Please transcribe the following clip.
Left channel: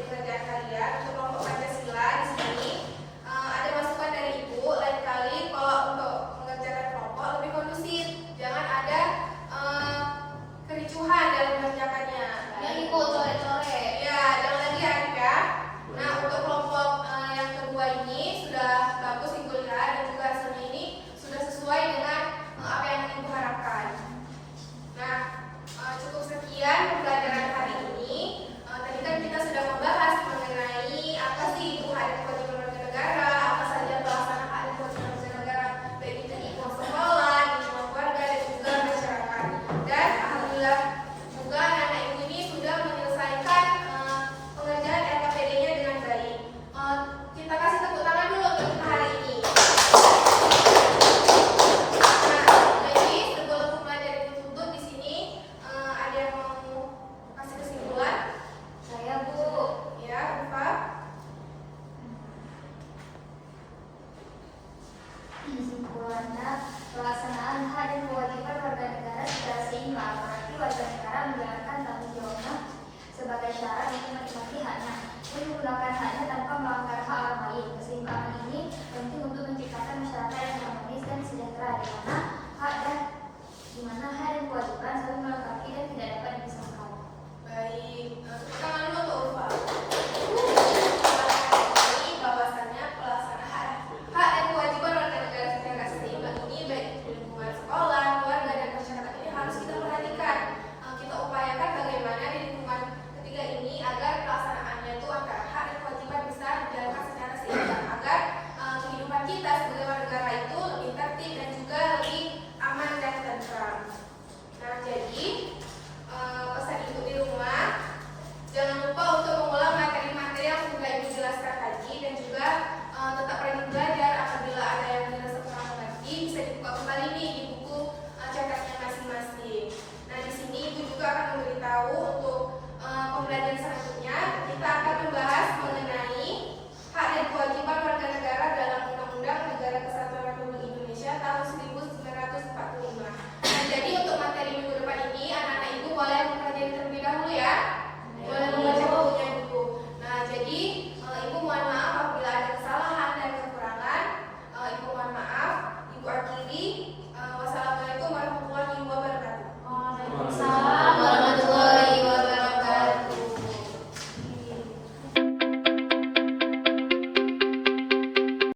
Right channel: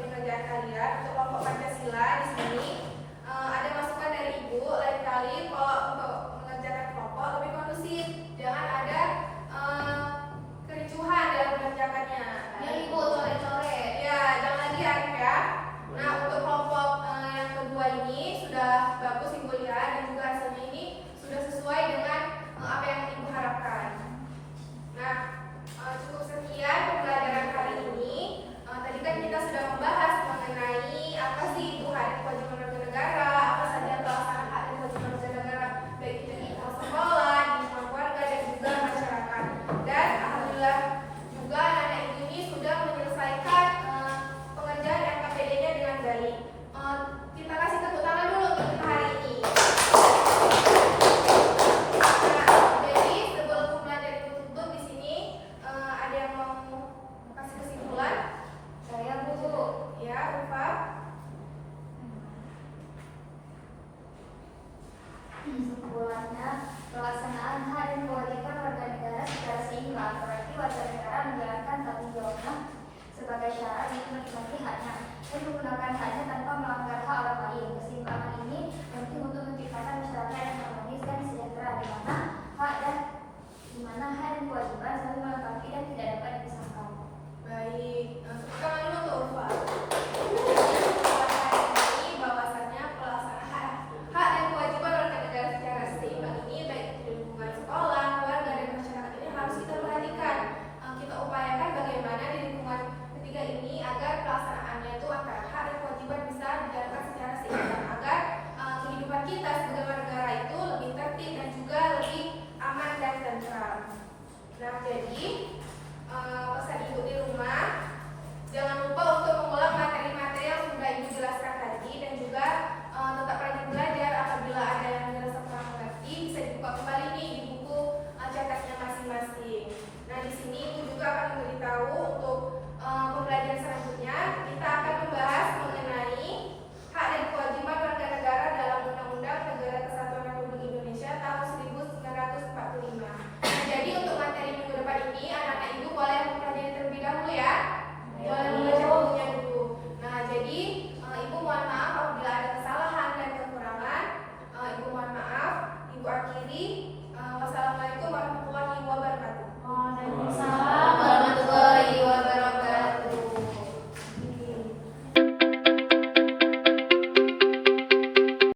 dari pengerjaan kalian untuk kelompok Pancasila di sini ada masukan dari Ibu. Lain kali kalau untuk mengerjakan kelompok lebih kondusif, jangan ada kericuhan dalam mengerjakannya. Yang ikut core-core. Ya, jangan lagi Arif ya. Nah, untuk kelompok yang kedua ini sudah bagus Ibu lihat dan juga hasilnya ini sudah sesuai dengan apa yang Ibu harapkan. Nah, cukup sekian pembelajaran hari ini. Tadi kan kita sudah membahas mengenai apa sih itu hak dan kewajiban warga negara, apa saja pelaksanaan hak dan kewajiban warga negara baik itu di sekolah, di lingkungan keluarga dan juga masyarakat. Dan alhamdulillah juga anak-anak ini sudah menyelesaikan pengerjaan RKPD-nya dengan baik. Kita kasih tepuk tangan dulu untuk kita hari ini. Nah, jadi sebelum pembelajaran ditutup di sini ada yang mau kasih kesimpulan? Saya Bu. Ya, Rufa. Kesimpulannya, pelaksanaan hak dan kewajiban warga negara secara seimbang berarti warga negara menjalankan tanggung jawabnya sebagai syarat untuk menikmati haknya dan menggunakan hak